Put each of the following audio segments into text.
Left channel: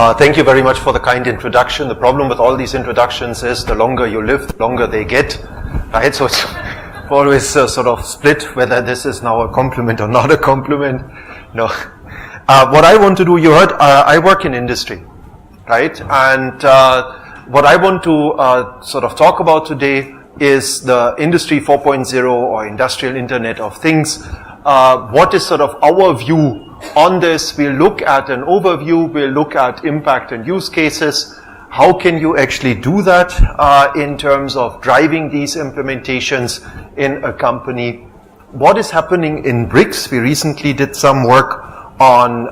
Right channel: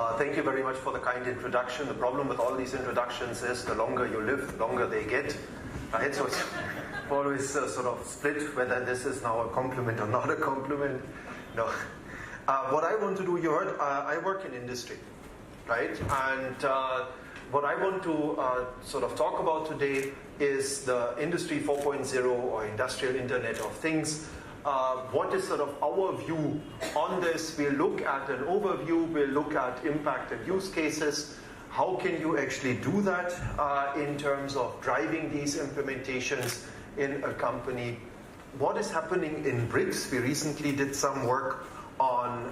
Thank you very much for the kind introduction. The problem with all these introductions is the longer you live, the longer they get, right? So it's always sort of split whether this is now a compliment or not a compliment. No. What I want to do, you heard, I work in industry, right? And what I want to sort of talk about today is the Industry 4.0 or Industrial Internet of Things. What is sort of our view on this? We'll look at an overview, we'll look at impact and use cases. How can you actually do that in terms of driving these implementations in a company? What is happening in BRICS? We recently did some work on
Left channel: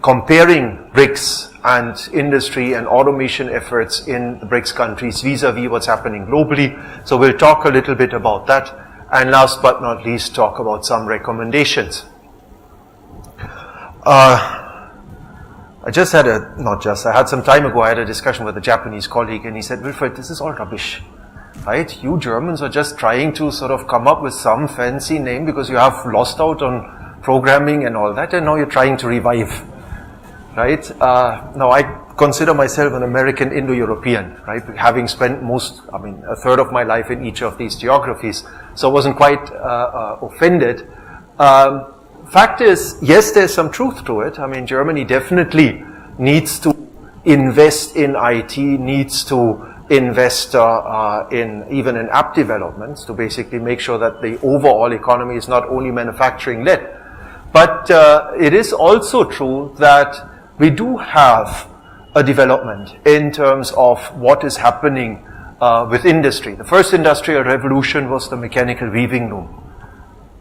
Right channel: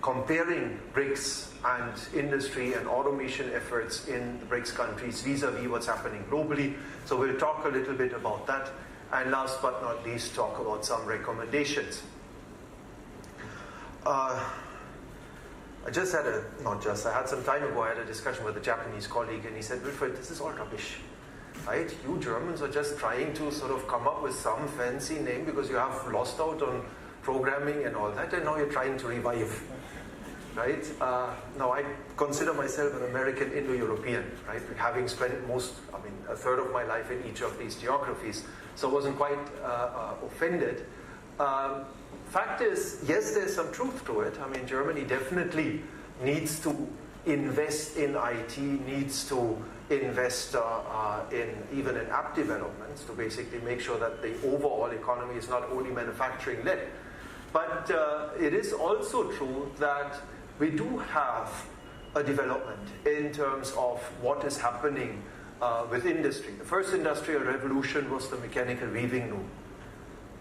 comparing BRICS and industry and automation efforts in the BRICS countries vis-a-vis what's happening globally. So we'll talk a little bit about that. And last but not least, talk about some recommendations. I had some time ago, I had a discussion with a Japanese colleague, and he said, Wilfried, this is all rubbish, right? You Germans are just trying to sort of come up with some fancy name because you have lost out on programming and all that, and now you're trying to revive, right? Now I consider myself an American Indo-European, right? Having spent a third of my life in each of these geographies, so I wasn't quite offended. Fact is, yes, there's some truth to it. I mean, Germany definitely needs to invest in IT, needs to invest even in app developments to basically make sure that the overall economy is not only manufacturing-led. But it is also true that we do have a development in terms of what is happening with industry. The first industrial revolution was the mechanical weaving loom.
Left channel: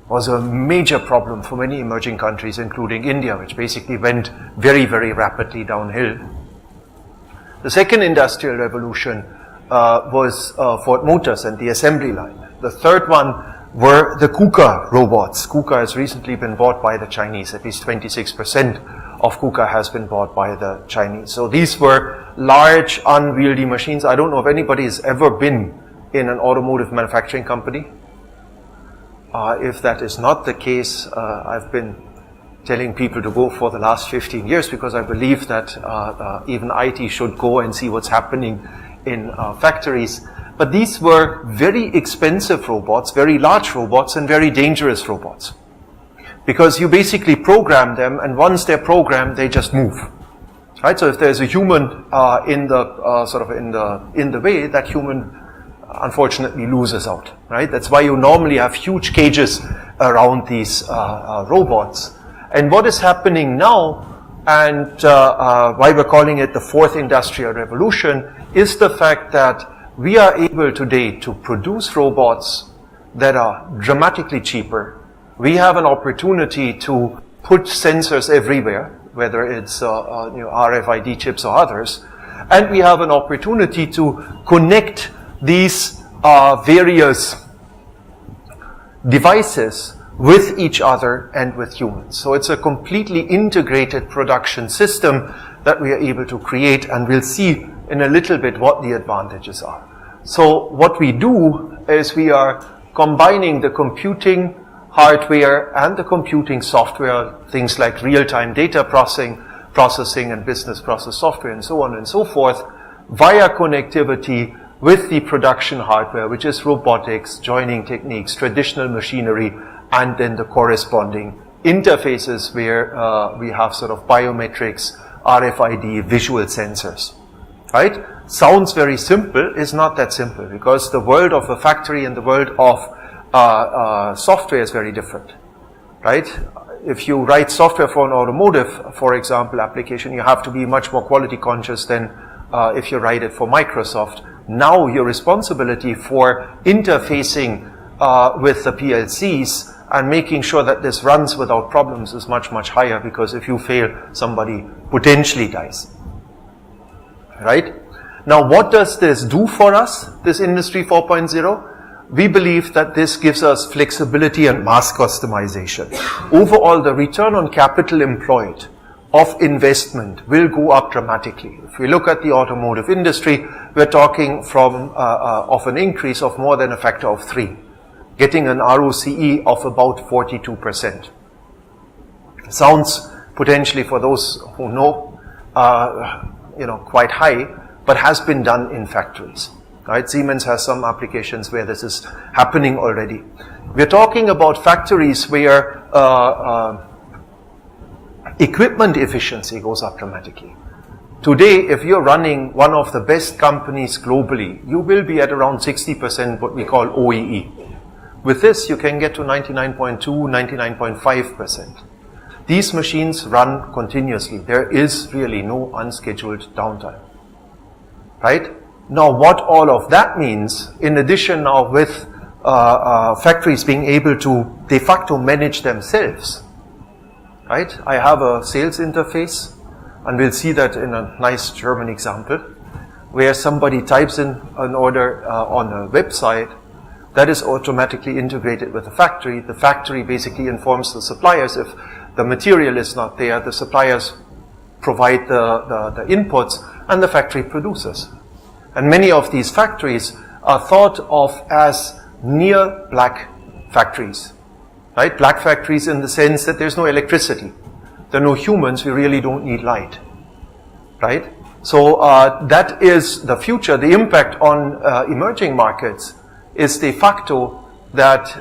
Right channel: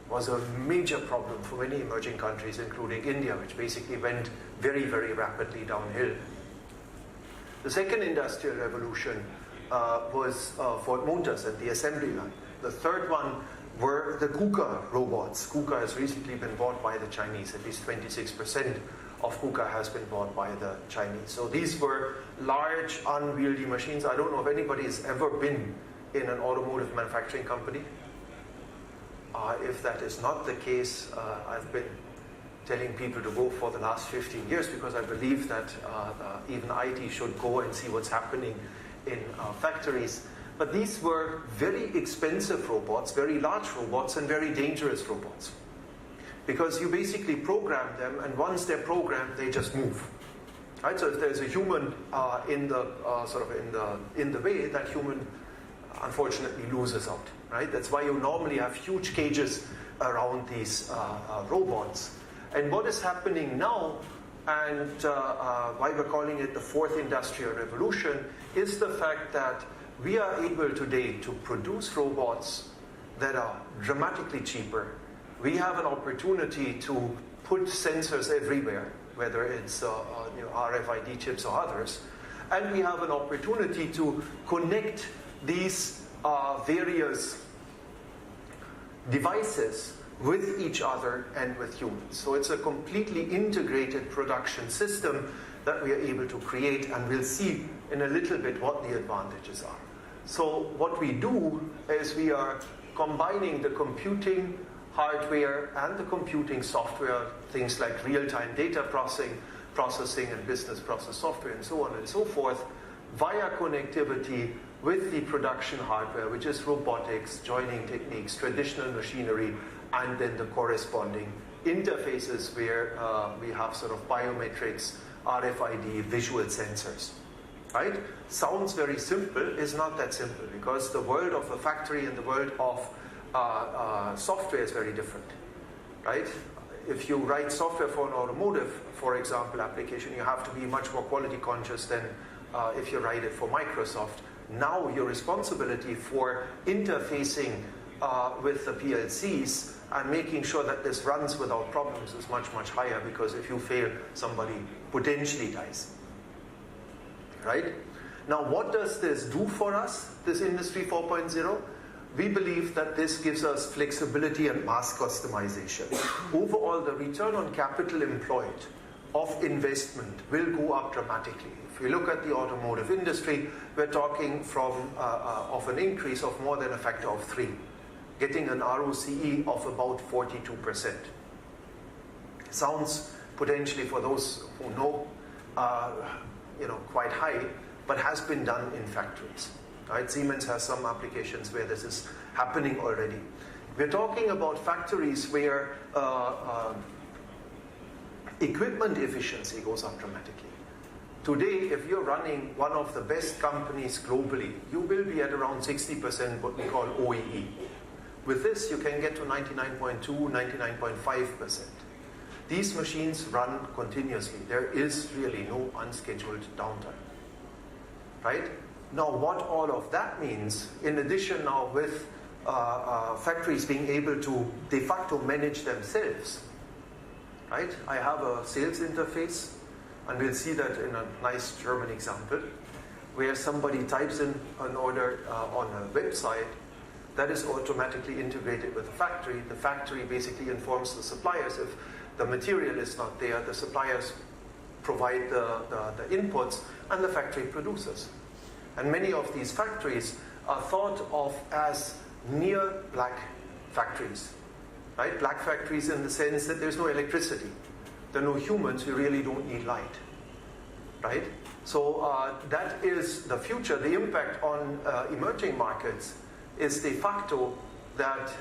Was a major problem for many emerging countries, including India, which basically went very, very rapidly downhill. The second industrial revolution was Ford Motors and the assembly line. The third one were the KUKA robots. KUKA has recently been bought by the Chinese. At least 26% of KUKA has been bought by the Chinese. So these were large, unwieldy machines. I don't know if anybody has ever been in an automotive manufacturing company. If that is not the case, I've been telling people to go for the last 15 years because I believe that even IT should go and see what's happening in factories. But these were very expensive robots, very large robots, and very dangerous robots. Because you basically program them, and once they're programmed, they just move. Right? So if there's a human in the way, that human unfortunately loses out, right? That's why you normally have huge cages around these robots. And what is happening now, and why we're calling it the fourth industrial revolution, is the fact that we are able today to produce robots that are dramatically cheaper. We have an opportunity to put sensors everywhere, whether it's RFID chips or others, and we have an opportunity to connect these various devices with each other and with humans. So it's a completely integrated production system that we are able to create, and we'll see in a little bit what the advantages are. So what we do is we are combining the computing hardware and the computing software, things like real-time data processing and business process software and so on and so forth, via connectivity with the production hardware, which is robotics, joining techniques, traditional machinery, and then the corresponding interfaces where we have sort of biometrics, RFID, visual sensors, right? Sounds very simple, is not that simple, because the world of a factory and the world of software is very different, right? If you write software for an automotive, for example, application, you have to be much more quality conscious than if you write it for Microsoft. Now your responsibility for interfacing with the PLCs and making sure that this runs without problems is much, much higher, because if you fail, somebody potentially dies, right? Now, what does this do for us, this Industry 4.0? We believe that this gives us flexibility and mass customization. Overall, the return on capital employed of investment will go up dramatically. If we look at the automotive industry, we're talking of an increase of more than a factor of 3, getting an ROCE of about 42%. Sounds potentially, for those who know, quite high, but has been done in factories. Right? Siemens has some applications where this is happening already. We're talking about factories where equipment efficiency goes up dramatically. Today, if you're running one of the best companies globally, you will be at around 60% what we call OEE. With this, you can get to 99.2, 99.5%. These machines run continuously. There is really no unscheduled downtime. Right? Now, what all of that means, in addition now with factories being able to de facto manage themselves, right? I have a sales interface, and we'll see that in a nice German example, where somebody types in an order on a website that is automatically integrated with the factory. The factory basically informs the suppliers if the material is not there. The suppliers provide the inputs, and the factory produces. And many of these factories are thought of as near black factories, right? Black factories in the sense that there's no electricity. There are no humans, we really don't need light, right? So that is the future. The impact on emerging markets is de facto that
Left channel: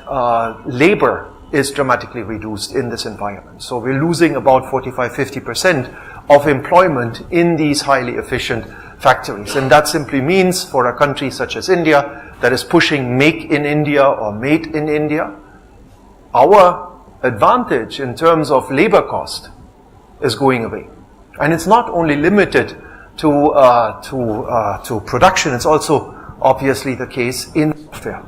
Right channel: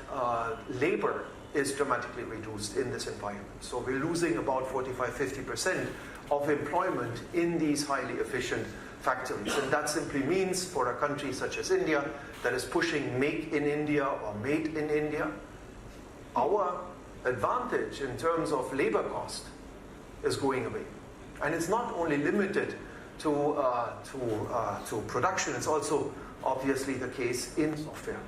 labor is dramatically reduced in this environment. So we're losing about 45-50% of employment in these highly efficient factories. And that simply means for a country such as India that is pushing make in India or made in India, our advantage in terms of labor cost is going away. And it's not only limited to production, it's also obviously the case in software.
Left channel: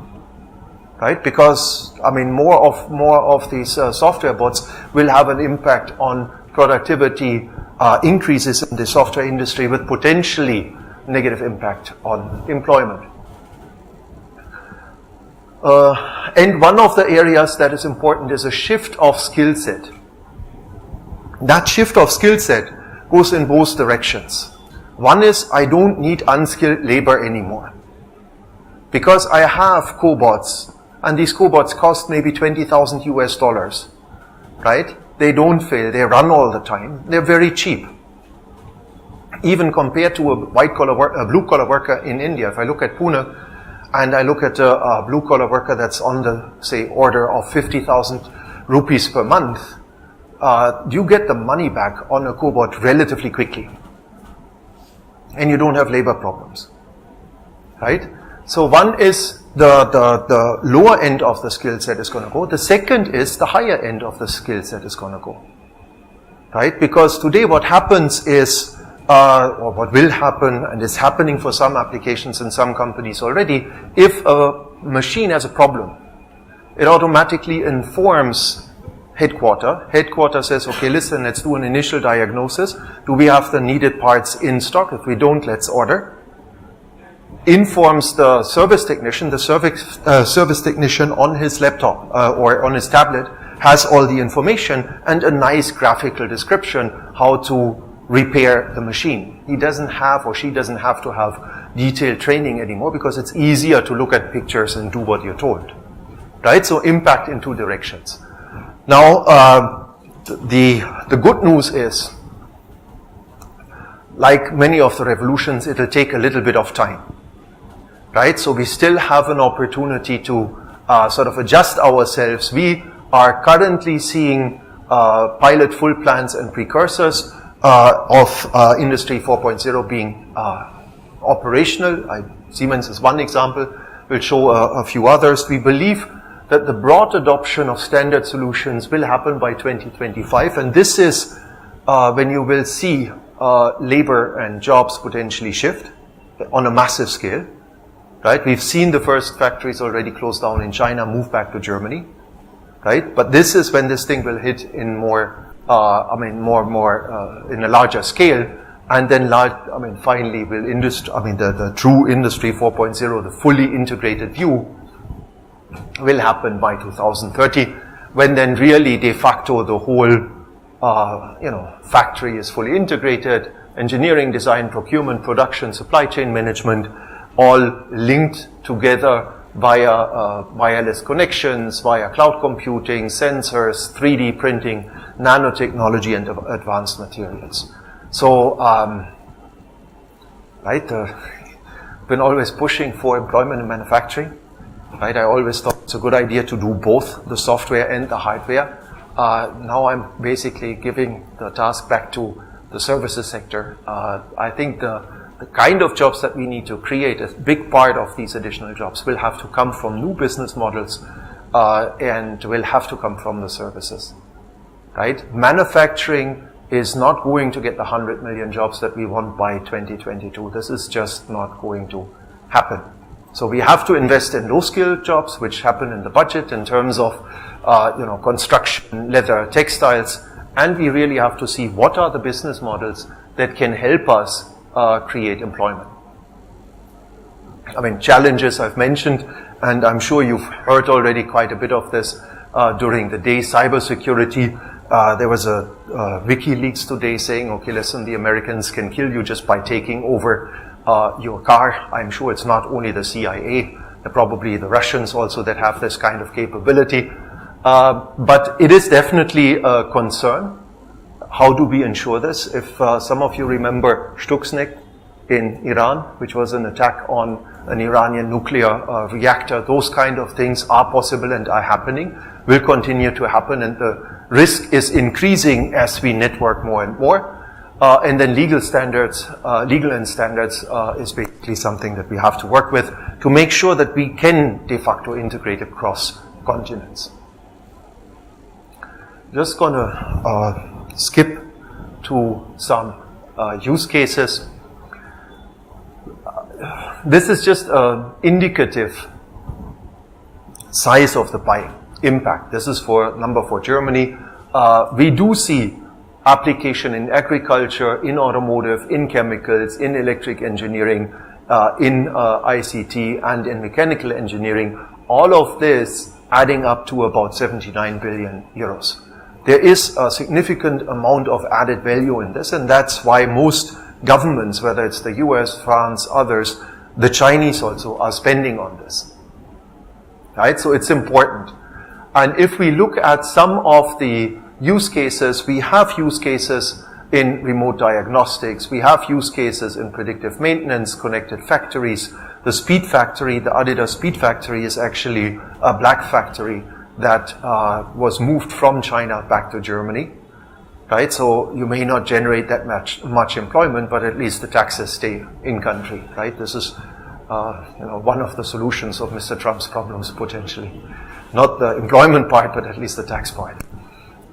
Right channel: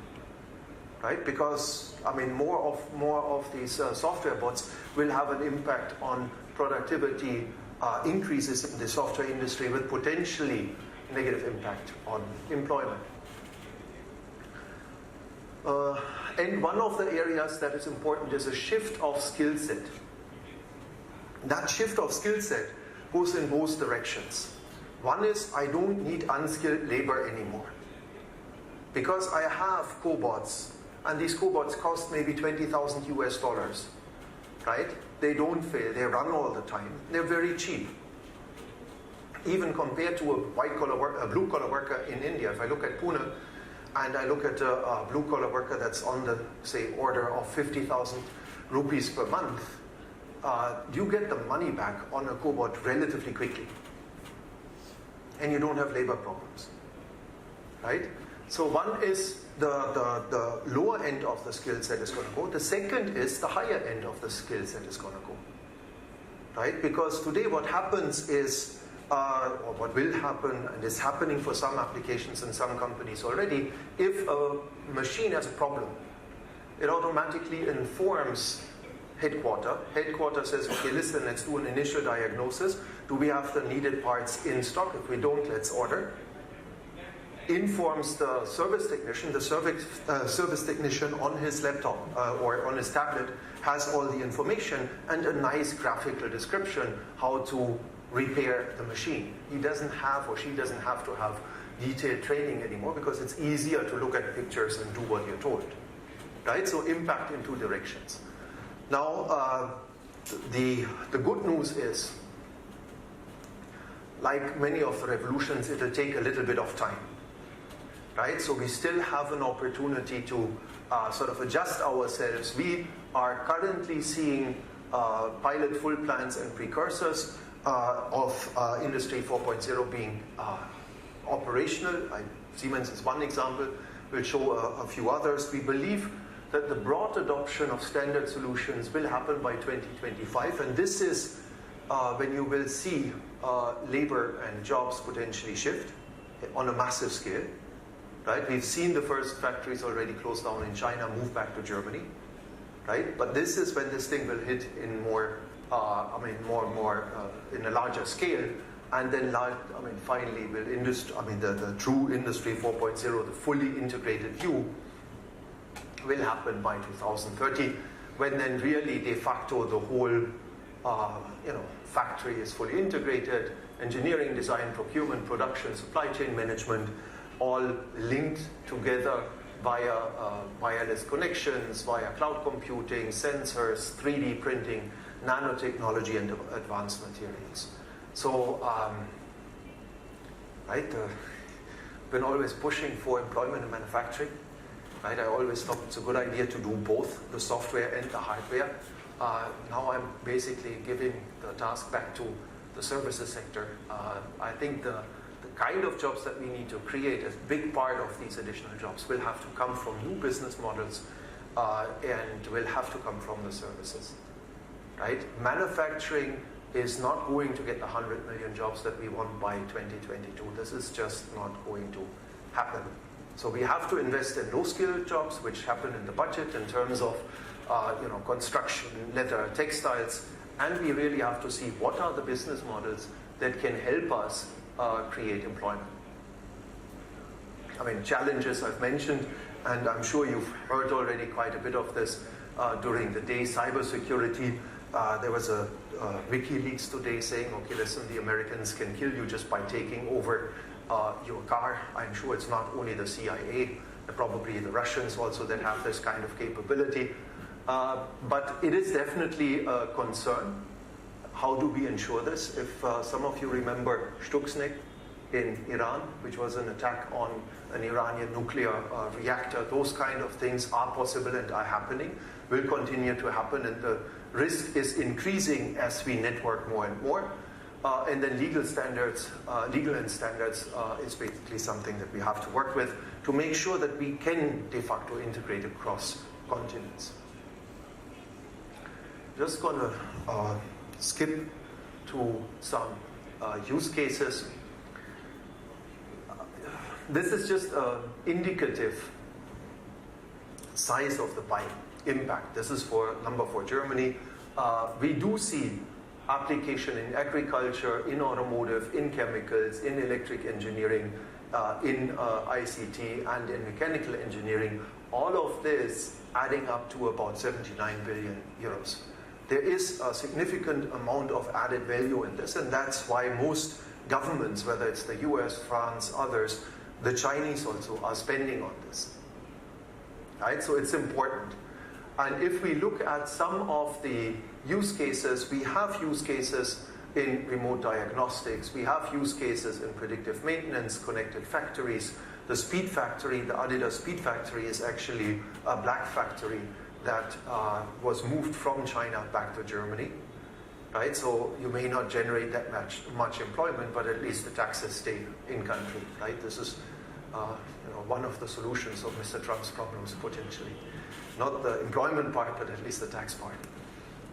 Right? Because, I mean, more of these software bots will have an impact on productivity increases in the software industry with potentially negative impact on employment. And one of the areas that is important is a shift of skill set. That shift of skill set goes in both directions. One is I don't need unskilled labor anymore. Because I have cobots, and these cobots cost maybe $20,000 US, right? They don't fail, they run all the time, they're very cheap. Even compared to a blue-collar worker in India, if I look at Pune, and I look at a blue-collar worker that's on the, say, order of 50,000 rupees per month, you get the money back on a cobot relatively quickly. And you don't have labor problems, right? So one is the lower end of the skill set is going to go. The second is the higher end of the skill set is going to go, right? Because today what happens is, or what will happen, and is happening for some applications in some companies already, if a machine has a problem, it automatically informs headquarters. Headquarters says, okay, listen, let's do an initial diagnosis. Do we have the needed parts in stock? If we don't, let's order. Informs the service technician. The service technician on his laptop or on his tablet has all the information and a nice graphical description how to repair the machine. He doesn't have, or she doesn't have to have detailed training anymore because it's easier to look at pictures and do what you're told, right? So impact in two directions. Now, the good news is, like many of the revolutions, it'll take a little bit of time, right? So we still have an opportunity to sort of adjust ourselves. We are currently seeing pilot full plans and precursors of Industry 4.0 being operational. Siemens is one example. We'll show a few others. We believe that the broad adoption of standard solutions will happen by 2025, and this is when you will see labor and jobs potentially shift on a massive scale. Right? We've seen the first factories already close down in China, move back to Germany. Right? But this is when this thing will hit in more in a larger scale, and then finally will the true Industry 4.0, the fully integrated view, will happen by 2030, when then really de facto the whole factory is fully integrated, engineering, design, procurement, production, supply chain management, all linked together via wireless connections, via cloud computing, sensors, 3D printing, nanotechnology, and advanced materials. So, right, been always pushing for employment in manufacturing. Right, I always thought it's a good idea to do both the software and the hardware. Now I'm basically giving the task back to the services sector. I think the kind of jobs that we need to create, a big part of these additional jobs will have to come from new business models and will have to come from the services. Right? Manufacturing is not going to get the 100 million jobs that we want by 2022. This is just not going to happen. So we have to invest in low-skilled jobs, which happen in the budget in terms of construction, leather, textiles, and we really have to see what are the business models that can help us create employment. I mean, challenges I've mentioned, and I'm sure you've heard already quite a bit of this during the day. Cybersecurity, there was a WikiLeaks today saying, okay, listen, the Americans can kill you just by taking over your car. I'm sure it's not only the CIA, probably the Russians also that have this kind of capability. But it is definitely a concern. How do we ensure this? If some of you remember Stuxnet in Iran, which was an attack on an Iranian nuclear reactor, those kind of things are possible and are happening, will continue to happen, and the risk is increasing as we network more and more. And then legal and standards is basically something that we have to work with to make sure that we can de facto integrate across continents. Just going to skip to some use cases. This is just an indicative size of the pie impact. This is for number for Germany. We do see application in agriculture, in automotive, in chemicals, in electric engineering, in ICT, and in mechanical engineering. All of this adding up to about 79 billion euros. There is a significant amount of added value in this, and that's why most governments, whether it's the US, France, others, the Chinese also, are spending on this. Right? So it's important. And if we look at some of the use cases, we have use cases in remote diagnostics, we have use cases in predictive maintenance, connected factories. The Speed Factory, the Adidas Speed Factory, is actually a black factory that was moved from China back to Germany. Right? So you may not generate that much employment, but at least the taxes stay in country. Right? This is one of the solutions of Mr. Trump's problems potentially. Not the employment part, but at least the tax part.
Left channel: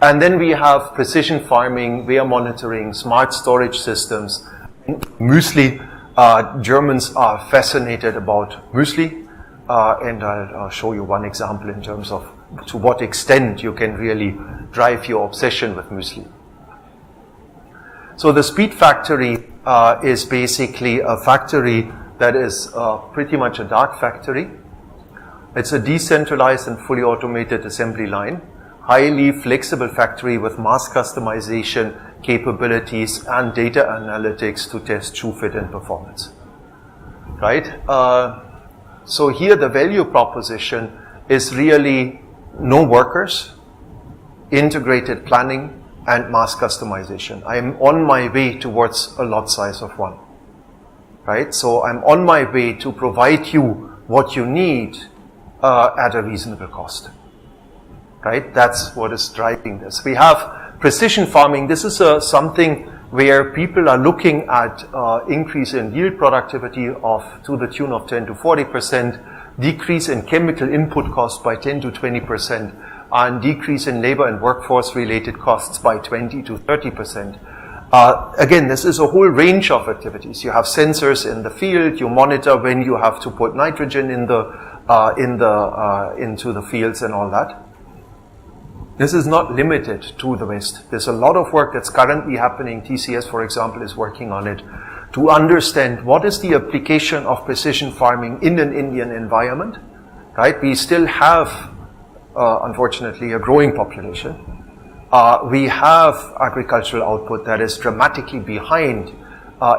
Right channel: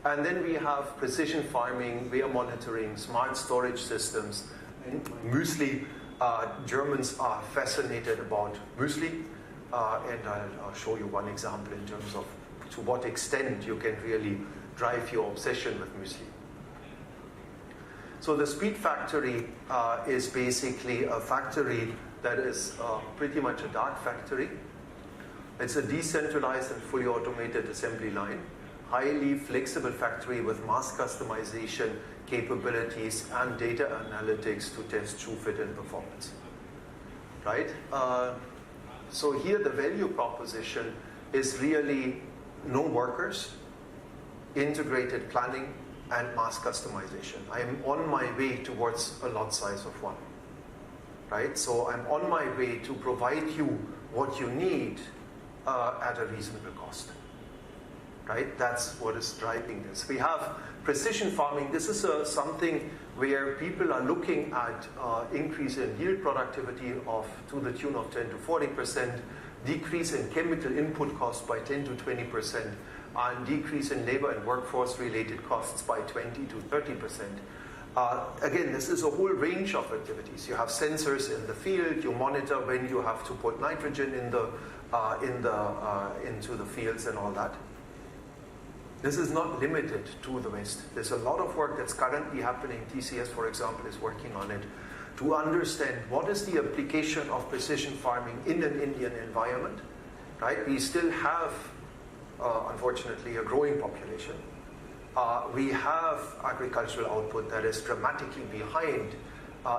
And then we have precision farming, wear monitoring, smart storage systems, Muesli. Germans are fascinated about Muesli, and I'll show you one example in terms of to what extent you can really drive your obsession with Muesli. So the Speed Factory is basically a factory that is pretty much a dark factory. It's a decentralized and fully automated assembly line, highly flexible factory with mass customization capabilities and data analytics to test shoe fit and performance. Right? So here the value proposition is really no workers, integrated planning, and mass customization. I am on my way towards a lot size of 1. Right? So I'm on my way to provide you what you need at a reasonable cost. Right? That's what is driving this. We have precision farming. This is something where people are looking at increase in yield productivity to the tune of 10 to 40%, decrease in chemical input costs by 10 to 20%, and decrease in labor and workforce related costs by 20 to 30%. Again, this is a whole range of activities. You have sensors in the field. You monitor when you have to put nitrogen into the fields and all that. This is not limited to the West. There's a lot of work that's currently happening. TCS, for example, is working on it to understand what is the application of precision farming in an Indian environment. Right? We still have, unfortunately, a growing population. We have agricultural output that is dramatically behind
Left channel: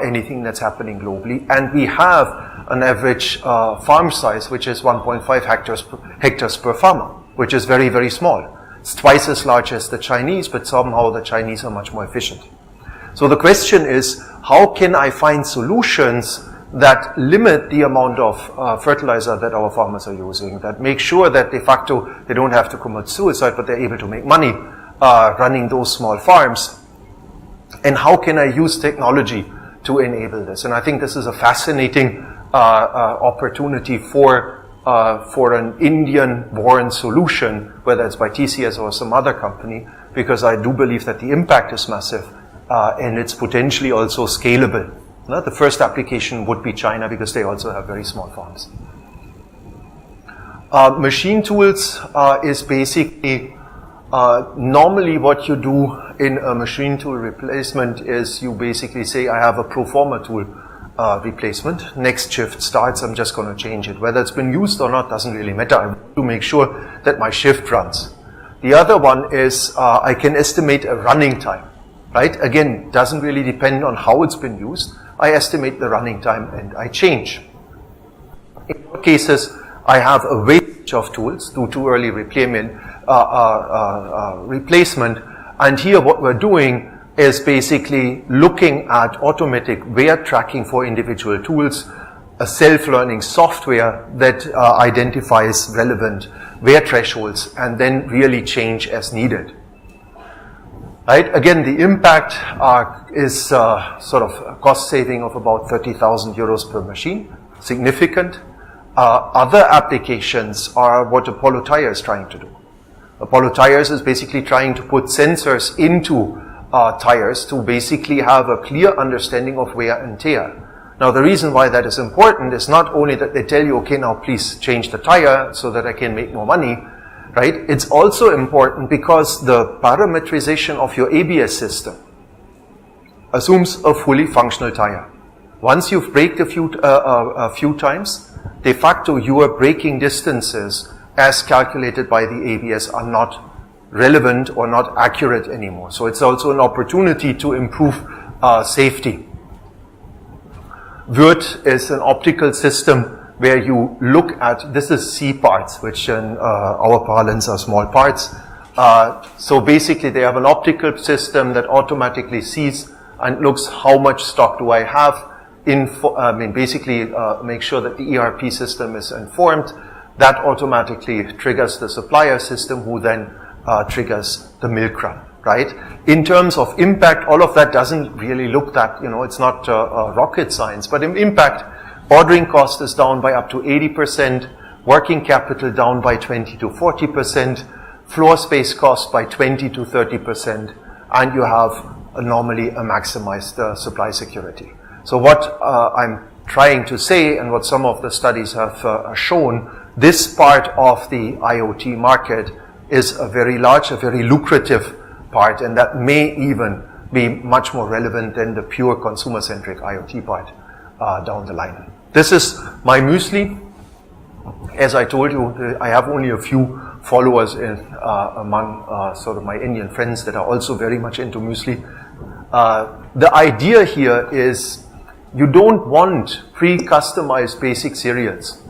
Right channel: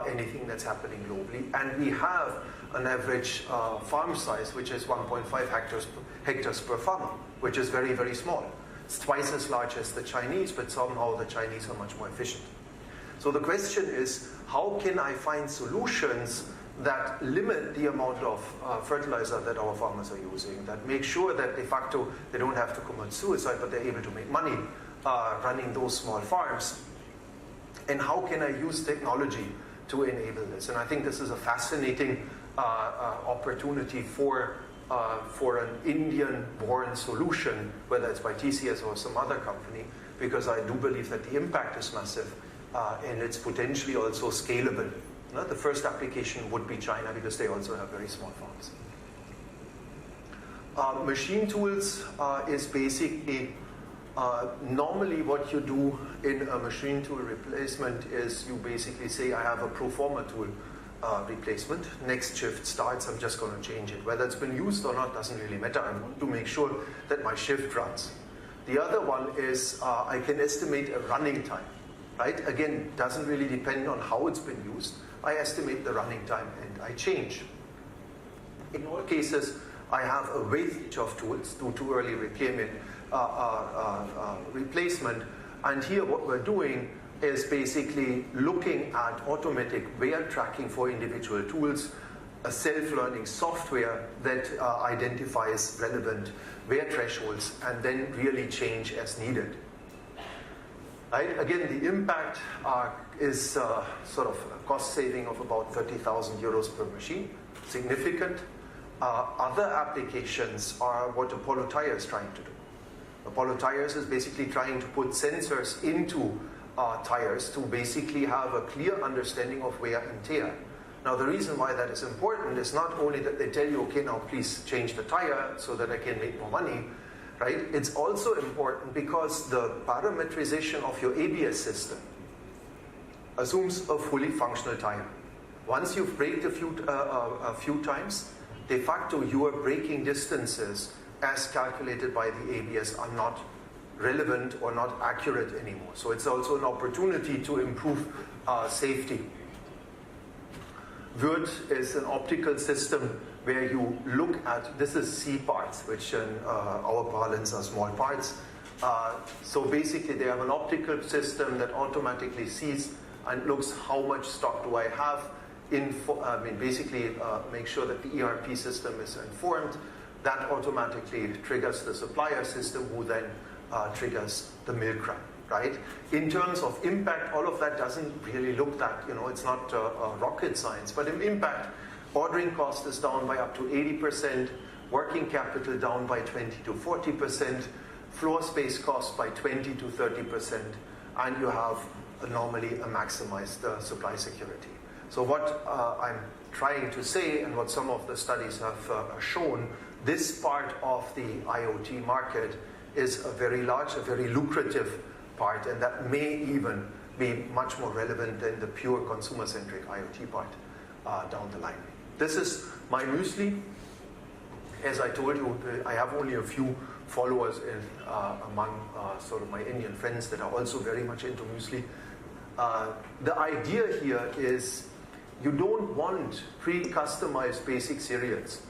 anything that's happening globally, and we have an average farm size which is 1.5 hectares per farmer, which is very, very small. It's twice as large as the Chinese, but somehow the Chinese are much more efficient. So the question is, how can I find solutions that limit the amount of fertilizer that our farmers are using, that make sure that de facto they don't have to commit suicide, but they're able to make money running those small farms? And how can I use technology to enable this? And I think this is a fascinating opportunity for an Indian-born solution, whether it's by TCS or some other company, because I do believe that the impact is massive and it's potentially also scalable. The first application would be China, because they also have very small farms. Machine tools is basically normally what you do in a machine tool replacement is you basically say, I have a pro forma tool replacement. Next shift starts, I'm just going to change it. Whether it's been used or not doesn't really matter. I want to make sure that my shift runs. The other one is I can estimate a running time. Right? Again, doesn't really depend on how it's been used. I estimate the running time and I change. In all cases, I have a range of tools, do too early replacement, and here what we're doing is basically looking at automatic wear tracking for individual tools, a self-learning software that identifies relevant wear thresholds and then really change as needed. Right? Again, the impact is sort of a cost saving of about 30,000 euros per machine, significant. Other applications are what Apollo Tyres is trying to do. Apollo Tyres is basically trying to put sensors into tires to basically have a clear understanding of wear and tear. Now, the reason why that is important is not only that they tell you, okay, now please change the tire so that I can make more money. Right? It's also important because the parameterization of your ABS system assumes a fully functional tire. Once you've braked a few times, de facto your braking distances as calculated by the ABS are not relevant or not accurate anymore. So it's also an opportunity to improve safety. VIRT is an optical system where you look at, this is C parts, which in our parlance are small parts. So basically they have an optical system that automatically sees and looks how much stock do I have, basically make sure that the ERP system is informed. That automatically triggers the supplier system, who then triggers the milk run, right? In terms of impact, all of that doesn't really look that, it's not rocket science, but in impact, ordering cost is down by up to 80%, working capital down by 20 to 40%, floor space cost by 20 to 30%, and you have normally a maximized supply security. So what I'm trying to say, and what some of the studies have shown, this part of the IoT market is a very large, a very lucrative part, and that may even be much more relevant than the pure consumer-centric IoT part down the line. This is my Muesli. As I told you, I have only a few followers among sort of my Indian friends that are also very much into Muesli. The idea here is you don't want pre-customized basic cereals.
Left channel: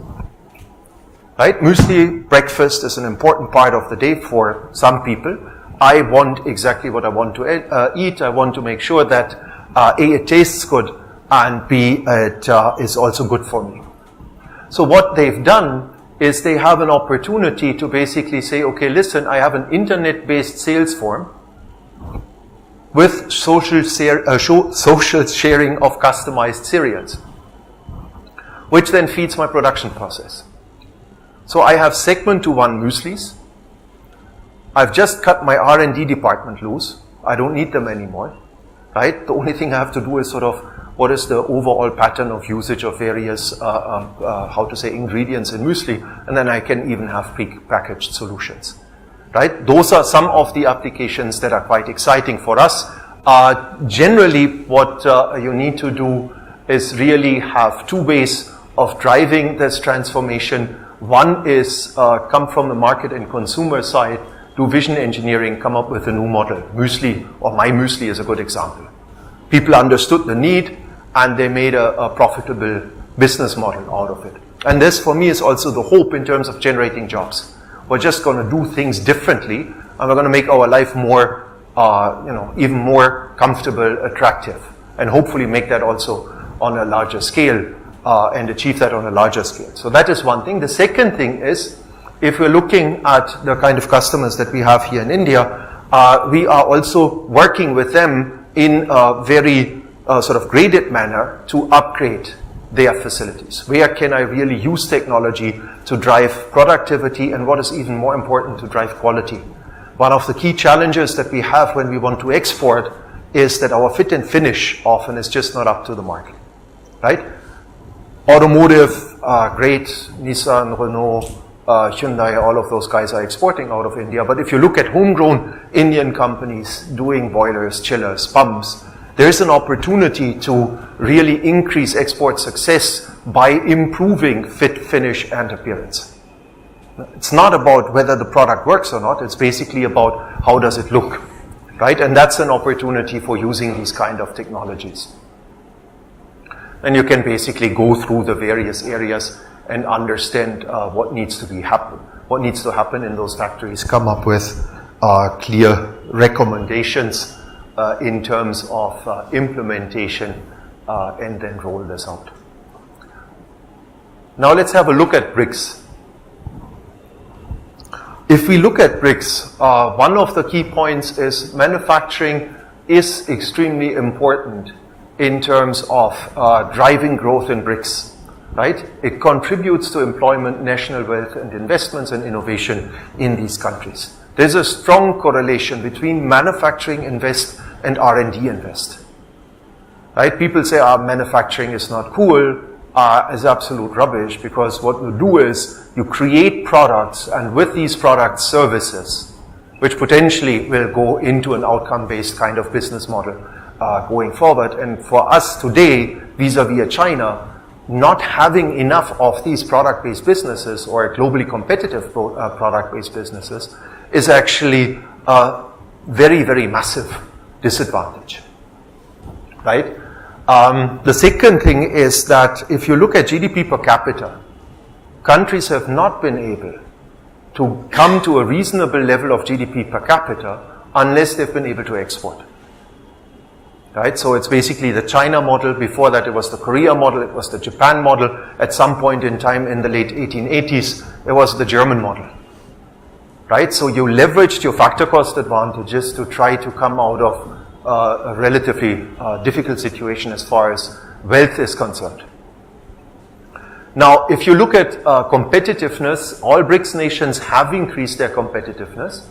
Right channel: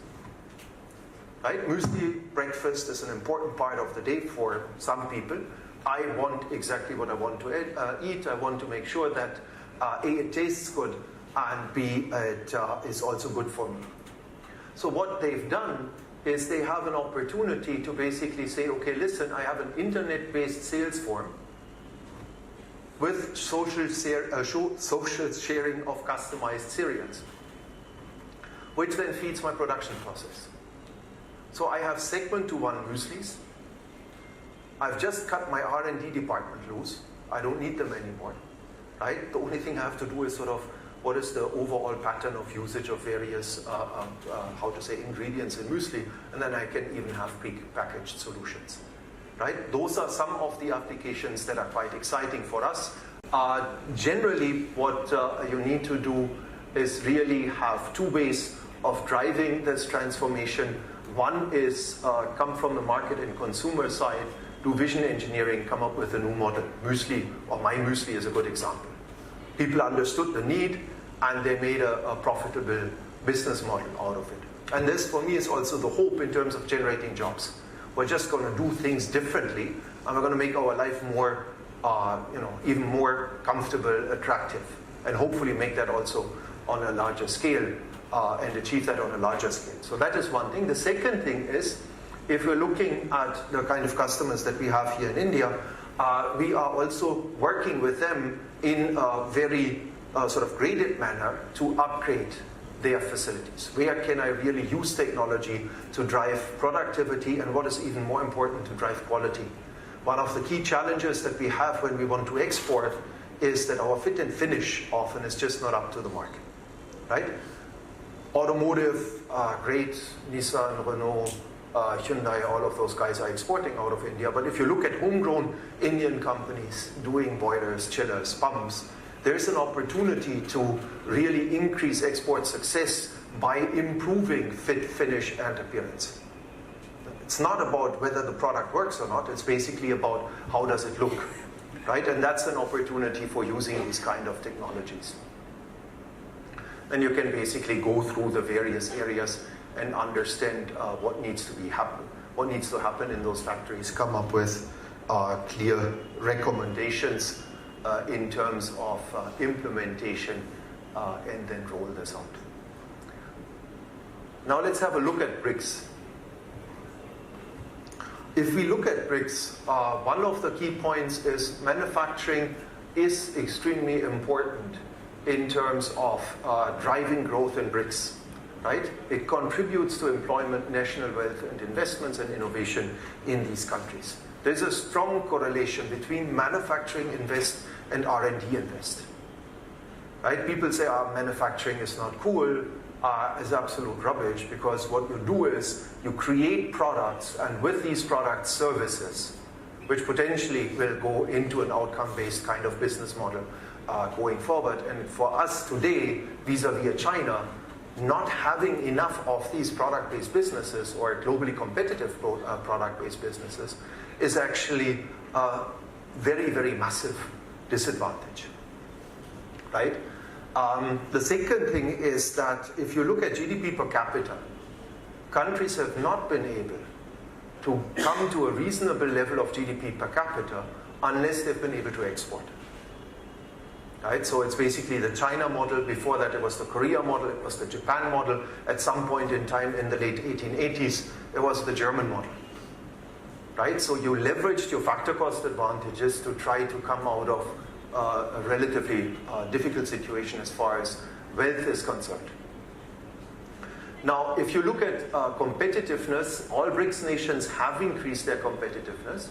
Right? Muesli breakfast is an important part of the day for some people. I want exactly what I want to eat. I want to make sure that A, it tastes good, and B, it is also good for me. So what they've done is they have an opportunity to basically say, okay, listen, I have an internet-based sales form with social sharing of customized cereals, which then feeds my production process. So I have segment to one mueslis. I've just cut my R&D department loose. I don't need them anymore, right? The only thing I have to do is sort of what is the overall pattern of usage of various, ingredients in muesli, and then I can even have pre-packaged solutions, right? Those are some of the applications that are quite exciting for us. Generally, what you need to do is really have two ways of driving this transformation. One is come from the market and consumer side, do vision engineering, come up with a new model. Muesli, or my Muesli is a good example. People understood the need and they made a profitable business model out of it. And this, for me, is also the hope in terms of generating jobs. We're just going to do things differently, and we're going to make our life more even more comfortable, attractive, and hopefully make that also on a larger scale and achieve that on a larger scale. So that is one thing. The second thing is, if we're looking at the kind of customers that we have here in India, we are also working with them in a very sort of graded manner to upgrade their facilities. Where can I really use technology to drive productivity, and what is even more important, to drive quality? One of the key challenges that we have when we want to export is that our fit and finish often is just not up to the mark, right? Automotive, great, Nissan, Renault, Hyundai, all of those guys are exporting out of India. But if you look at homegrown Indian companies doing boilers, chillers, pumps, there's an opportunity to really increase export success by improving fit, finish, and appearance. It's not about whether the product works or not, it's basically about how does it look, right? And that's an opportunity for using these kind of technologies. And you can basically go through the various areas and understand what needs to happen in those factories, come up with clear recommendations in terms of implementation, and then roll this out. Now let's have a look at BRICS. If we look at BRICS, one of the key points is manufacturing is extremely important in terms of driving growth in BRICS, right? It contributes to employment, national wealth, and investments and innovation in these countries. There's a strong correlation between manufacturing invest and R&D invest, right? People say, manufacturing is not cool, is absolute rubbish, because what you do is you create products, and with these products, services, which potentially will go into an outcome-based kind of business model going forward. And for us today, vis-a-vis China, not having enough of these product-based businesses or globally competitive product-based businesses is actually a very, very massive disadvantage, right? The second thing is that if you look at GDP per capita, countries have not been able to come to a reasonable level of GDP per capita unless they've been able to export. Right? So it's basically the China model. Before that, it was the Korea model. It was the Japan model. At some point in time in the late 1880s, it was the German model. Right? So you leveraged your factor cost advantages to try to come out of a relatively difficult situation as far as wealth is concerned. Now, if you look at competitiveness, all BRICS nations have increased their competitiveness,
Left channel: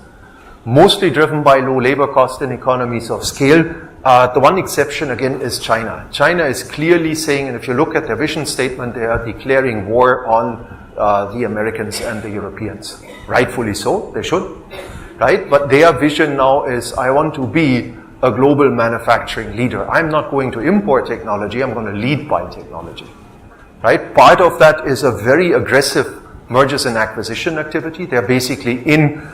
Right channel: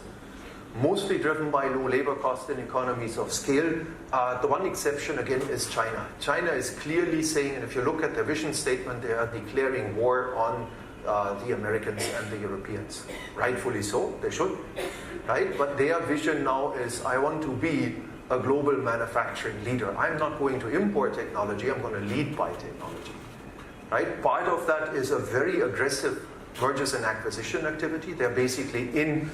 mostly driven by low labor cost and economies of scale. The one exception, again, is China. China is clearly saying, and if you look at their vision statement, they are declaring war on the Americans and the Europeans. Rightfully so, they should, right? But their vision now is, I want to be a global manufacturing leader. I'm not going to import technology, I'm going to lead by technology, right? Part of that is a very aggressive mergers and acquisition activity. They're basically in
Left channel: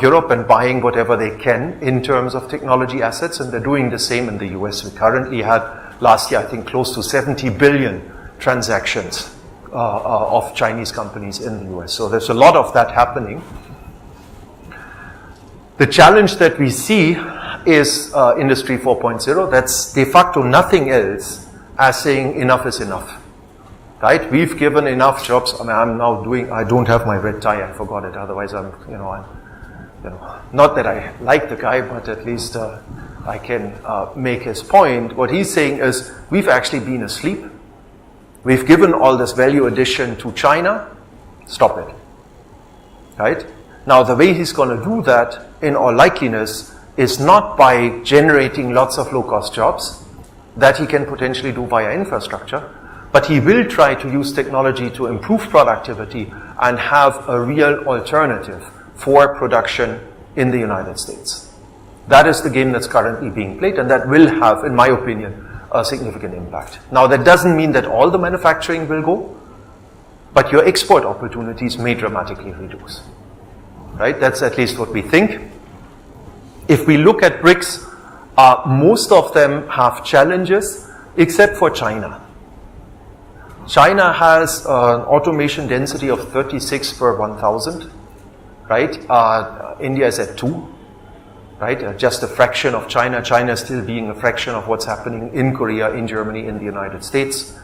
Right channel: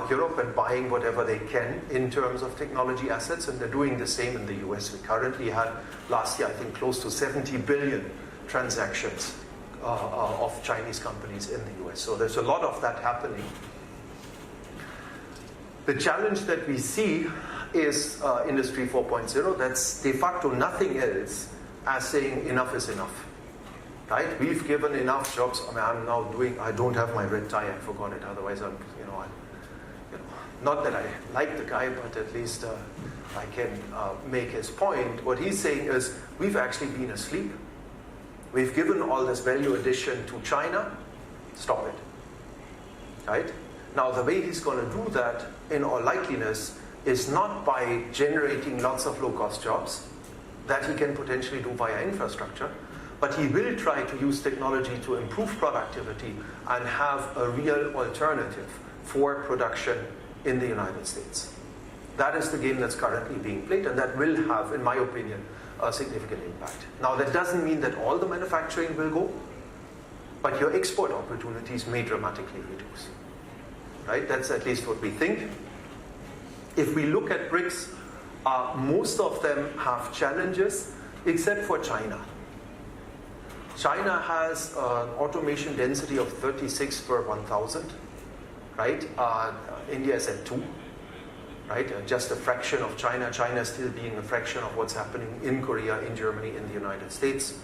Europe and buying whatever they can in terms of technology assets, and they're doing the same in the US. We currently had last year, I think, close to 70 billion transactions of Chinese companies in the US. So there's a lot of that happening. The challenge that we see is Industry 4.0. That's de facto nothing else as saying enough is enough. Right? We've given enough jobs. I mean, I don't have my red tie, I forgot it. Otherwise, not that I like the guy, but at least I can make his point. What he's saying is, we've actually been asleep. We've given all this value addition to China. Stop it. Right? Now, the way he's going to do that, in all likeliness, is not by generating lots of low-cost jobs that he can potentially do via infrastructure, but he will try to use technology to improve productivity and have a real alternative for production in the United States. That is the game that's currently being played, and that will have, in my opinion, a significant impact. Now, that doesn't mean that all the manufacturing will go, but your export opportunities may dramatically reduce. Right? That's at least what we think. If we look at BRICS, most of them have challenges, except for China. China has an automation density of 36 per 1,000, right? India is at 2. right? Just a fraction of China. China still being a fraction of what's happening in Korea, in Germany, in the United States.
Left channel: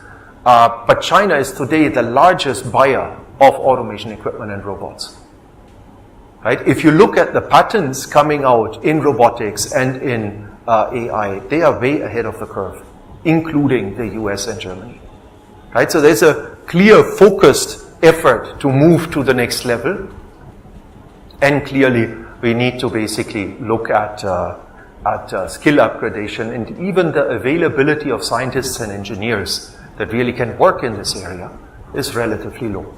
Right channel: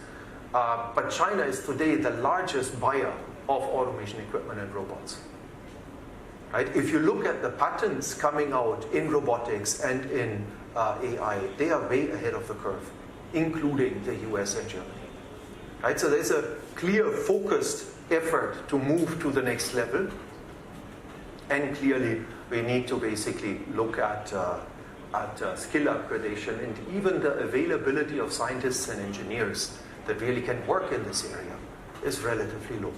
But China is today the largest buyer of automation equipment and robots. Right? If you look at the patents coming out in robotics and in AI, they are way ahead of the curve, including the US and Germany. Right? So there's a clear, focused effort to move to the next level. And clearly, we need to basically look at skill upgradation, and even the availability of scientists and engineers that really can work in this area is relatively low.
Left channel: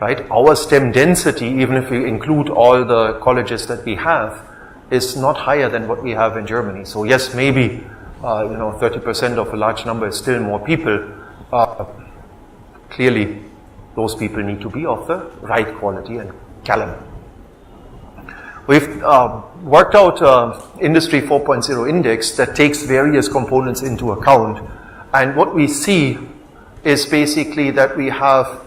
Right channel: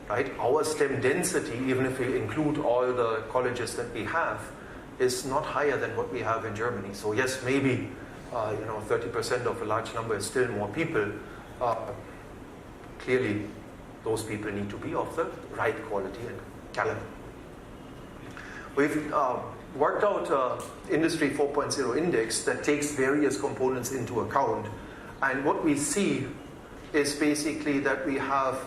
Right? Our STEM density, even if we include all the colleges that we have, is not higher than what we have in Germany. So yes, maybe 30% of a large number is still more people. Clearly, those people need to be of the right quality and caliber. We've worked out Industry 4.0 index that takes various components into account. And what we see is basically that we have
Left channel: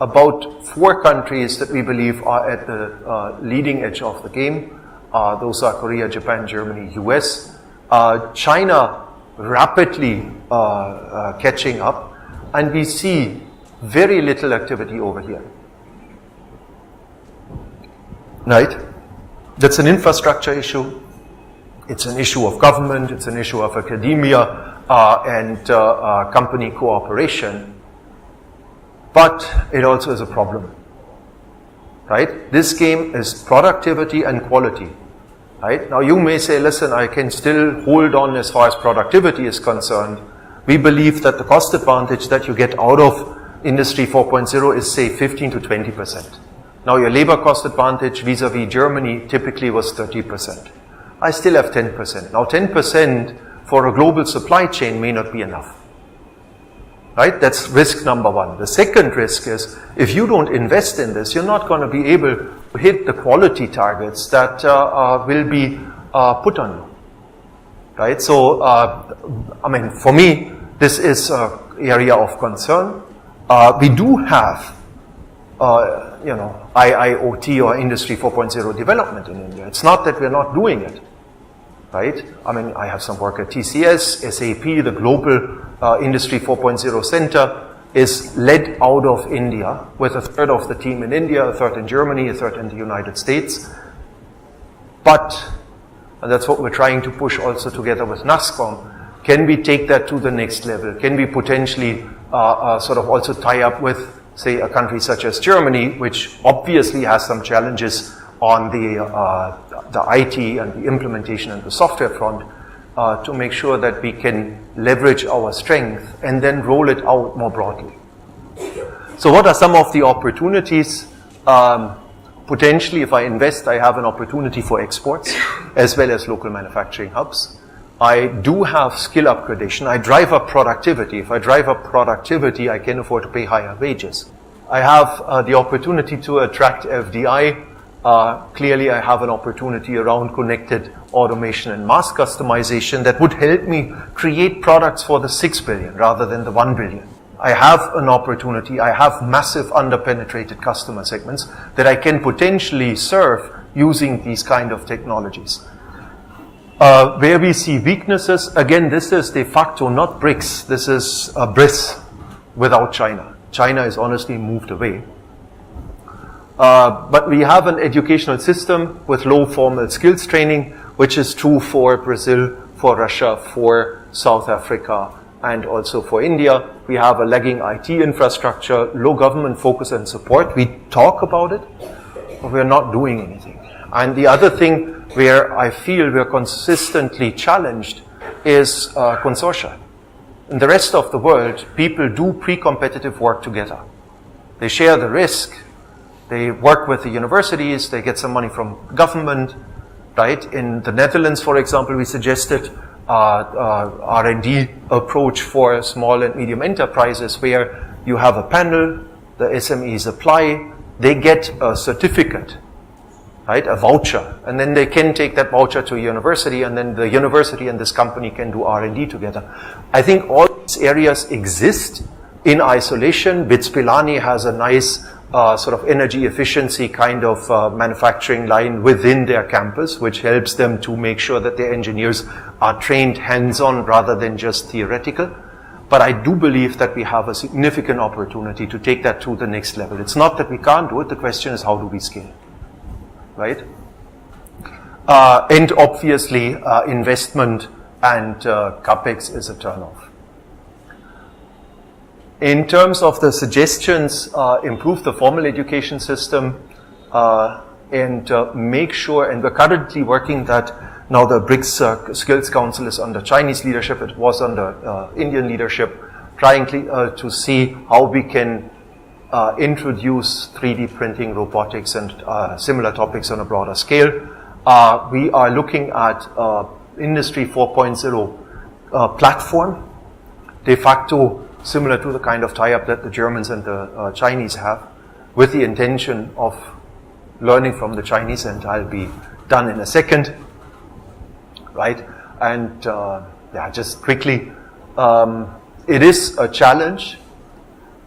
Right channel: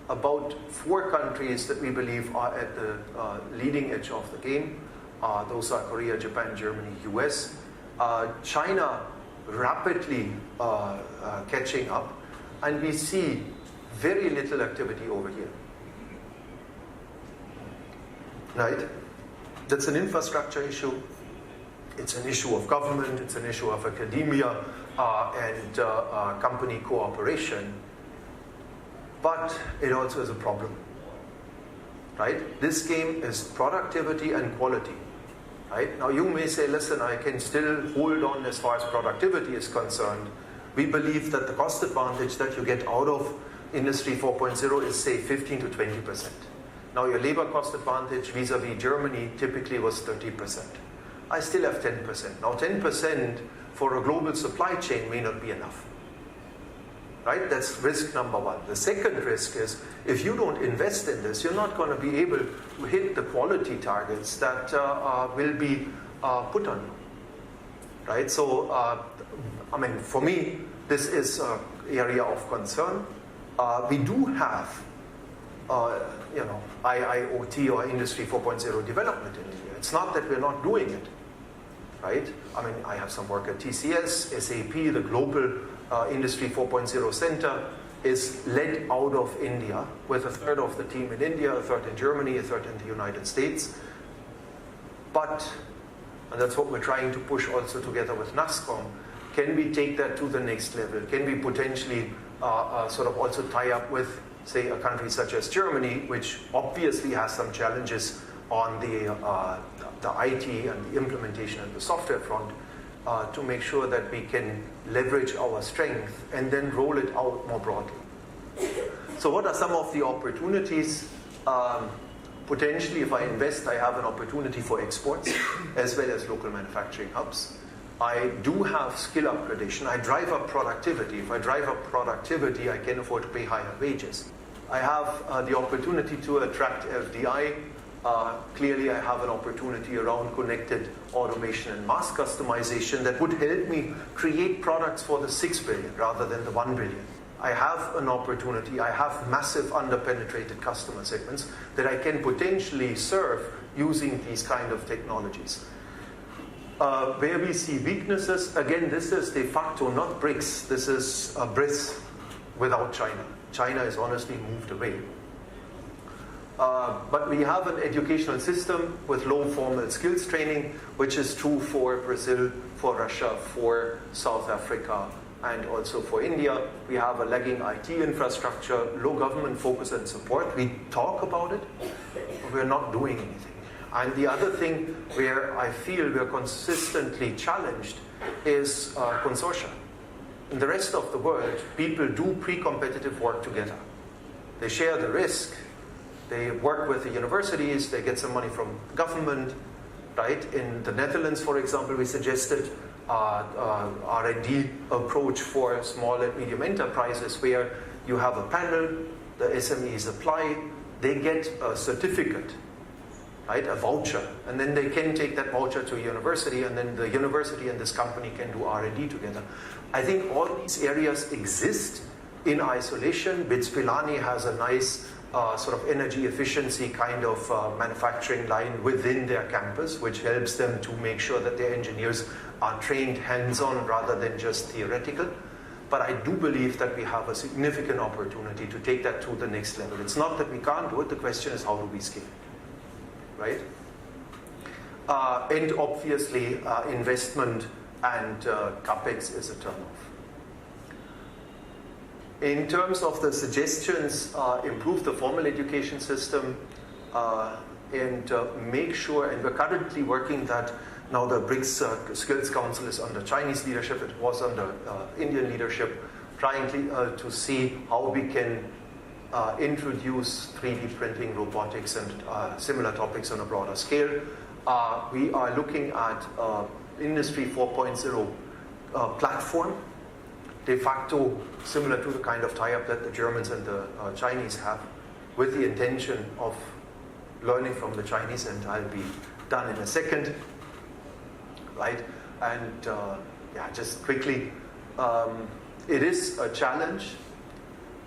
about 4 countries that we believe are at the leading edge of the game. Those are Korea, Japan, Germany, US. China rapidly catching up, and we see very little activity over here. Right? That's an infrastructure issue. It's an issue of government. It's an issue of academia and company cooperation. But it also is a problem. Right? This game is productivity and quality. Right? Now you may say, listen, I can still hold on as far as productivity is concerned. We believe that the cost advantage that you get out of Industry 4.0 is, say, 15 to 20%. Now your labor cost advantage vis-a-vis Germany typically was 30%. I still have 10%. Now 10% for a global supply chain may not be enough. Right? That's risk number 1. The second risk is, if you don't invest in this, you're not going to be able to hit the quality targets that will be put on you. Right? So, for me, this is an area of concern. We do have, IIOT or Industry 4.0 development in India. It's not that we're not doing it. Right? I have some work at TCS, SAP, the global Industry 4.0 center is led out of India, with a third of the team in India, a third in Germany, a third in the United States. But, and that's what we're trying to push also together with NASCOM, can we take that to the next level? Can we potentially sort of also tie up with, say, a country such as Germany, which obviously has some challenges on the IT and the implementation and the software front, to make sure that we can leverage our strength and then roll it out more broadly. So what are some of the opportunities? Potentially, if I invest, I have an opportunity for exports as well as local manufacturing hubs. I do have skill upgradation. I drive up productivity. If I drive up productivity, I can afford to pay higher wages. I have the opportunity to attract FDI. Clearly, I have an opportunity around connected automation and mass customization that would help me create products for the 6 billion rather than the 1 billion. I have an opportunity. I have massive underpenetrated customer segments that I can potentially serve using these kind of technologies. Where we see weaknesses, again, this is de facto not BRICS. This is BRICS without China. China is honestly moved away. But we have an educational system with low formal skills training, which is true for Brazil, for Russia, for South Africa, and also for India. We have a lagging IT infrastructure, low government focus and support. We talk about it, but we're not doing anything. And the other thing where I feel we're consistently challenged is consortia. In the rest of the world, people do pre-competitive work together. They share the risk. They work with the universities. They get some money from government. Right? In the Netherlands, for example, we suggested R&D approach for small and medium enterprises, where you have a panel, the SMEs apply, they get a certificate, right, a voucher, and then they can take that voucher to a university, and then the university and this company can do R&D together. I think all these areas exist in isolation. BITS Pilani has a nice sort of energy efficiency kind of manufacturing line within their campus, which helps them to make sure that their engineers are trained hands-on rather than just theoretical. But I do believe that we have a significant opportunity to take that to the next level. It's not that we can't do it, the question is how do we scale, right? And obviously investment and capex is a turnoff. In terms of the suggestions, improve the formal education system and make sure, and we're currently working that now the BRICS Skills Council is under Chinese leadership, it was under Indian leadership, trying to see how we can introduce 3D printing, robotics, and similar topics on a broader scale. We are looking at Industry 4.0 platform, de facto similar to the kind of tie-up that the Germans and the Chinese have, with the intention of learning from the Chinese, and I'll be done in a second, right? And yeah, just quickly, it is a challenge,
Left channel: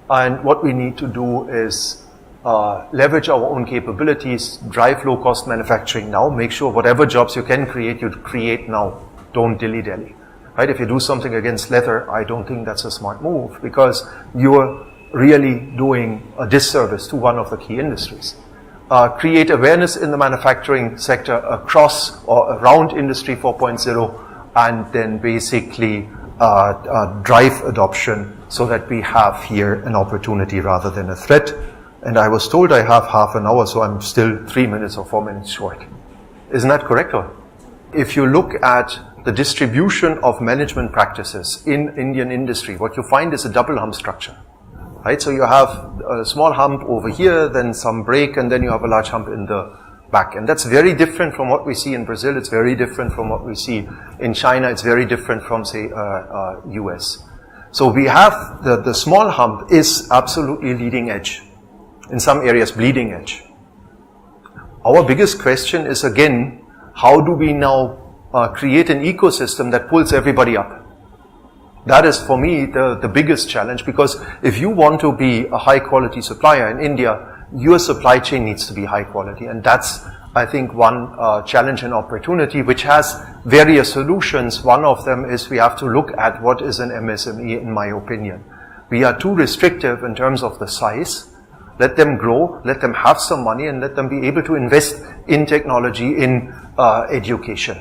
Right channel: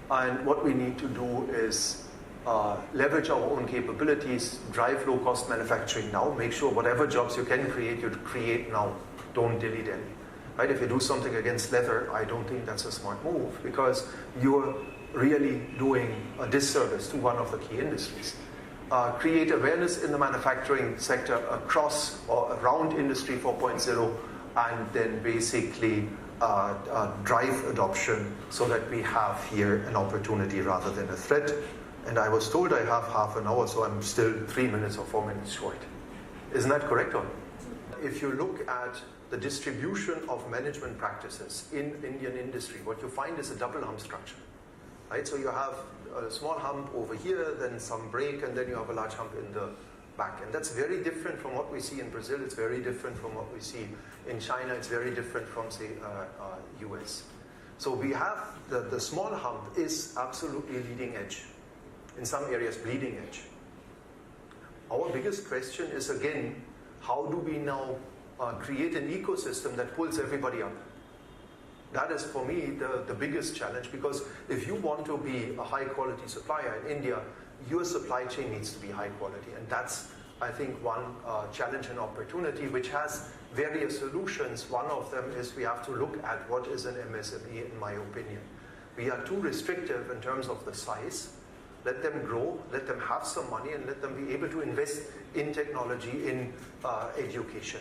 and what we need to do is leverage our own capabilities, drive low-cost manufacturing now, make sure whatever jobs you can create, you create now, don't dilly-dally. Right? If you do something against leather, I don't think that's a smart move, because you're really doing a disservice to one of the key industries. Create awareness in the manufacturing sector across or around Industry 4.0, and then basically drive adoption so that we have here an opportunity rather than a threat. And I was told I have half an hour, so I'm still 3 minutes or 4 minutes short. Isn't that correct? Or? If you look at the distribution of management practices in Indian industry, what you find is a double hump structure, right? So you have a small hump over here, then some break, and then you have a large hump in the back. And that's very different from what we see in Brazil. It's very different from what we see in China. It's very different from, say, US. So we have the small hump is absolutely leading edge. In some areas, bleeding edge. Our biggest question is, again, how do we now create an ecosystem that pulls everybody up? That is, for me, the biggest challenge, because if you want to be a high-quality supplier in India, your supply chain needs to be high quality. And that's, I think, one challenge and opportunity, which has various solutions. One of them is we have to look at what is an MSME, in my opinion. We are too restrictive in terms of the size. Let them grow, let them have some money, and let them be able to invest in technology, in education.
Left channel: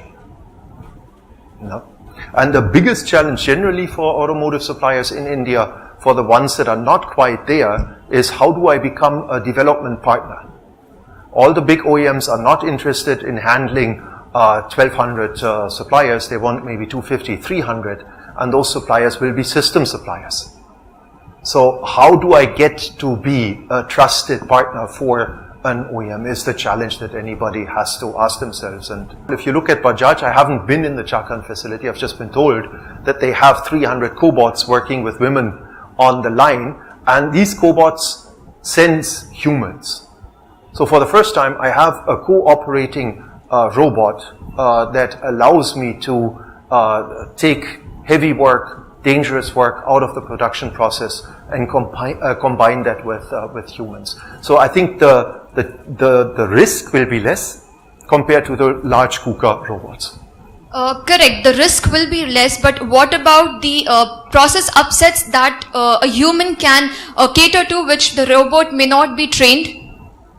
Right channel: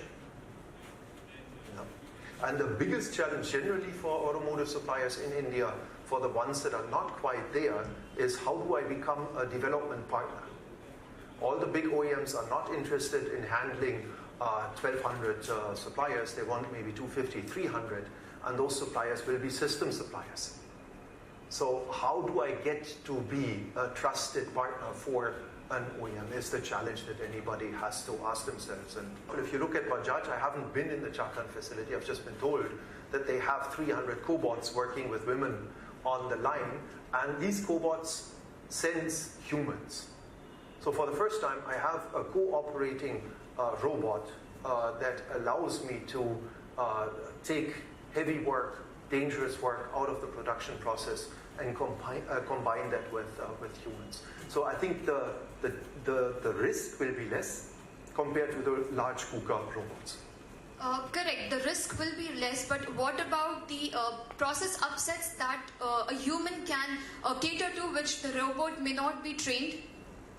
No? And the biggest challenge generally for automotive suppliers in India, for the ones that are not quite there, is how do I become a development partner? All the big OEMs are not interested in handling 1,200 suppliers. They want maybe 250, 300, and those suppliers will be system suppliers. So how do I get to be a trusted partner for an OEM is the challenge that anybody has to ask themselves. And if you look at Bajaj, I haven't been in the Chakan facility. I've just been told that they have 300 cobots working with women on the line, and these cobots sense humans. So for the first time, I have a cooperating robot that allows me to take heavy work, dangerous work out of the production process and combine that with humans. So I think the risk will be less compared to the large KUKA robots. Correct, the risk will be less, but what about the process upsets that a human can cater to, which the robot may not be trained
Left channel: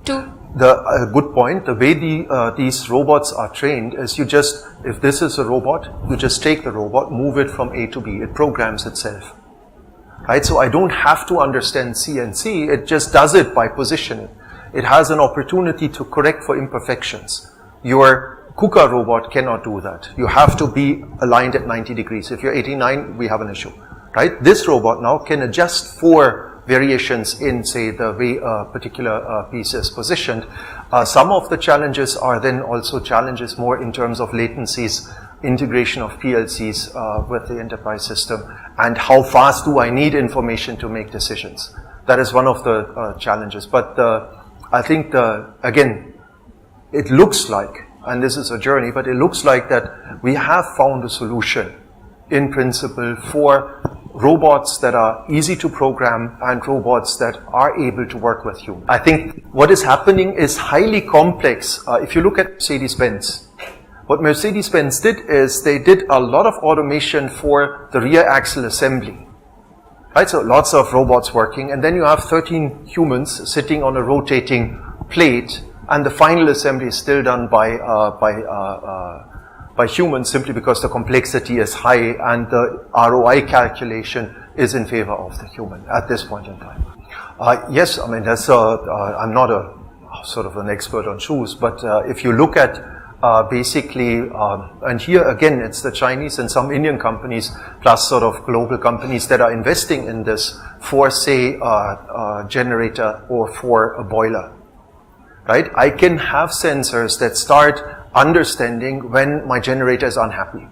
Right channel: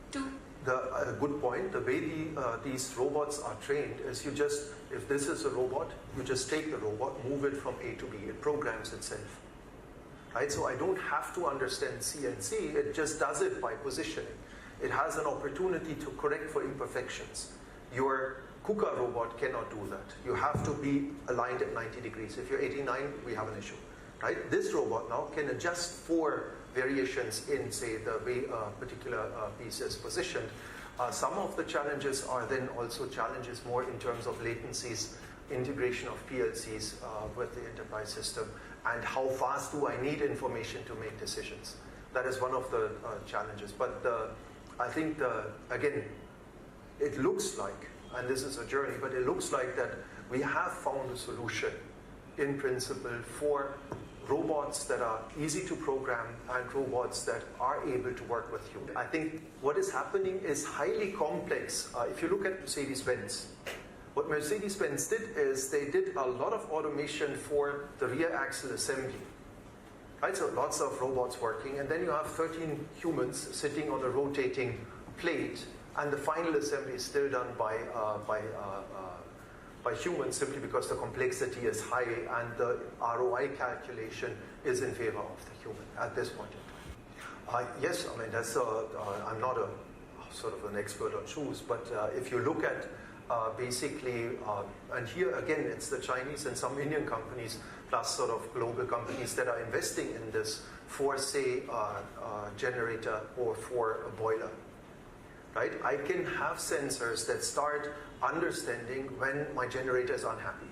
to? Good point. The way these robots are trained is you just, if this is a robot, you just take the robot, move it from A to B. It programs itself. Right? So I don't have to understand CNC, it just does it by positioning. It has an opportunity to correct for imperfections. Your KUKA robot cannot do that. You have to be aligned at 90 degrees. If you're 89, we have an issue. Right? This robot now can adjust for variations in, say, the way a particular piece is positioned. Some of the challenges are then also challenges more in terms of latencies, integration of PLCs with the enterprise system, and how fast do I need information to make decisions. That is one of the challenges. But I think, again, it looks like, and this is a journey, but it looks like that we have found a solution in principle for robots that are easy to program and robots that are able to work with you. I think what is happening is highly complex. If you look at Mercedes-Benz, what Mercedes-Benz did is they did a lot of automation for the rear axle assembly. Right, so lots of robots working, and then you have 13 humans sitting on a rotating plate, and the final assembly is still done by humans simply because the complexity is high and the ROI calculation is in favor of the human at this point in time. Yes, I mean, I'm not a sort of an expert on shoes, but if you look at basically, and here again, it's the Chinese and some Indian companies plus sort of global companies that are investing in this for, say, a generator or for a boiler, right? I can have sensors that start understanding when my generator is unhappy,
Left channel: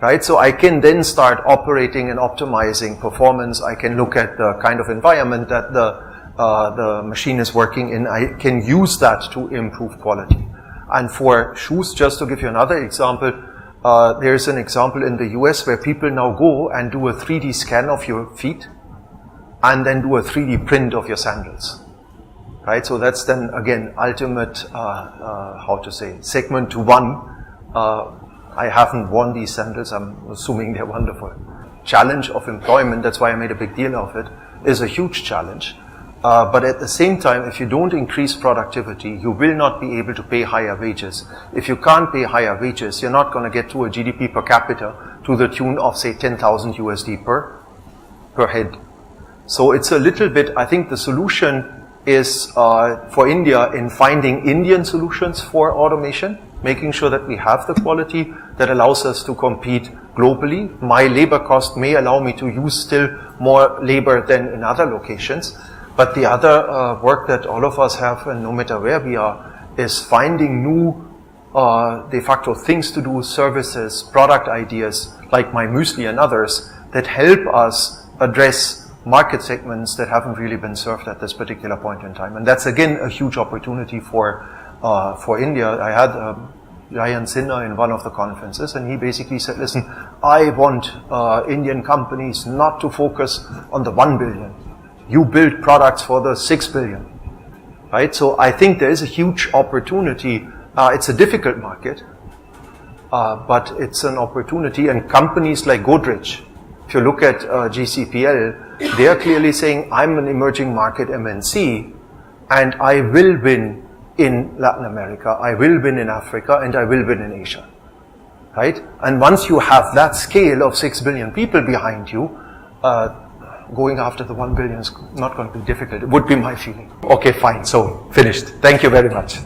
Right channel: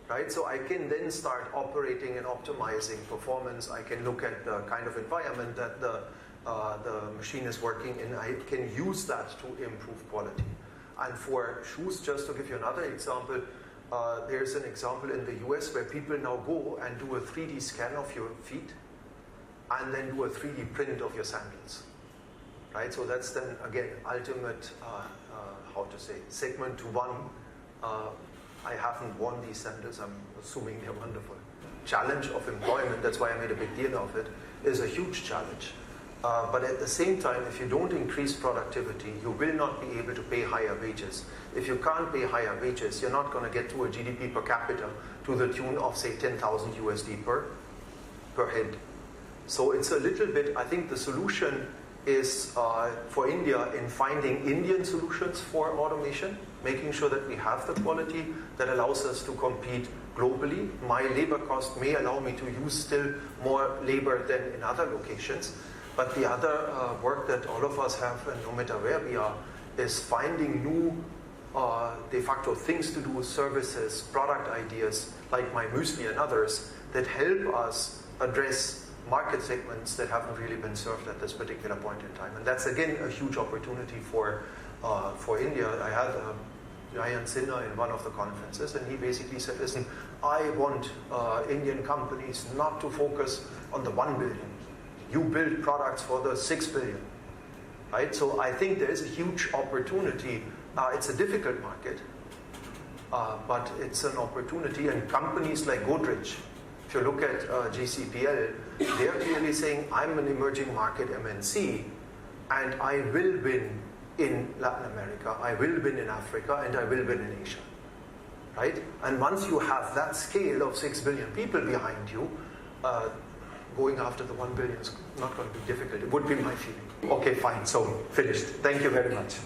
right? So I can then start operating and optimizing performance. I can look at the kind of environment that the machine is working in. I can use that to improve quality. And for shoes, just to give you another example, there's an example in the US where people now go and do a 3D scan of your feet and then do a 3D print of your sandals. Right, so that's then again ultimate, how to say, segment to one. I haven't worn these sandals, I'm assuming they're wonderful. Challenge of employment, that's why I made a big deal of it, is a huge challenge. But at the same time, if you don't increase productivity, you will not be able to pay higher wages. If you can't pay higher wages, you're not going to get to a GDP per capita to the tune of, say, 10,000 USD per head. So it's a little bit, I think the solution is for India in finding Indian solutions for automation, making sure that we have the quality that allows us to compete globally. My labor cost may allow me to use still more labor than in other locations. But the other work that all of us have, and no matter where we are, is finding new de facto things to do, services, product ideas like my Muesli and others that help us address market segments that haven't really been served at this particular point in time. And that's again a huge opportunity for India. I had Ryan Sinha in one of the conferences, and he basically said, listen, I want Indian companies not to focus on the 1 billion. You build products for the 6 billion, right? So I think there is a huge opportunity. It's a difficult market, but it's an opportunity. And companies like Godrej, if you look at GCPL, they are clearly saying, I'm an emerging market MNC, and I will win in Latin America, I will win in Africa, and I will win in Asia, right? And once you have that scale of 6 billion people behind you, going after the 1 billion is not going to be difficult. It would be my feeling. Okay, fine. So, finished. Thank you very much.